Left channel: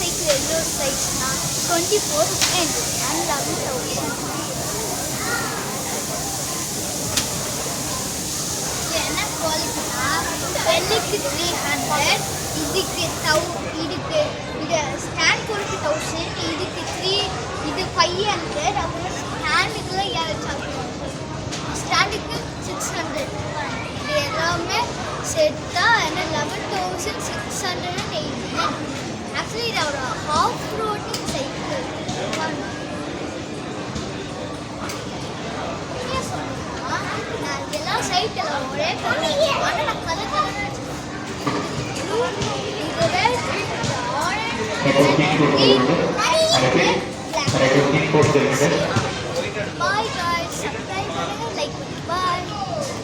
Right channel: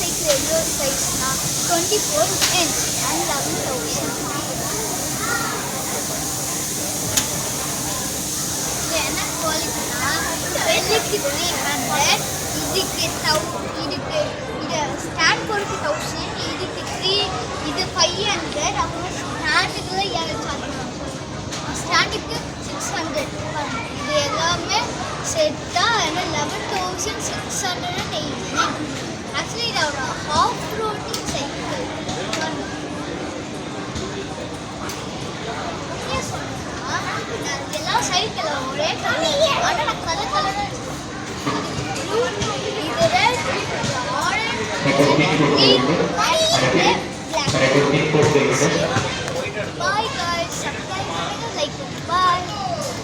Cycle எவ்வளோ சைஸ்னா 24N and 11,000. என்ன குவாலிட்டினா வெள்ளைக்கு 300, இதுக்கு இதுக்கு இது ஸ்டாண்ட் போருக்கு 1000, இதுக்கு 3, இது 500, அப்புறம் ஸ்டாண்டுக்குலாம் 7 சார்ஜ் பண்ணுவாங்க. ஸ்டாண்டுக்கு 600. இது எல்லாமே செட்டாக என்ன 11,689. ஆக்சுவலி இது ஒரு ஆஃப் ரோடிங் சைக்கிள். நான் எல்லா சைக்கிள் ஒரே கலர், ஆனால் நான் கலர் கலராக இது ரெட், இது ஆரஞ்சு, க்ரீன், பிளாக்.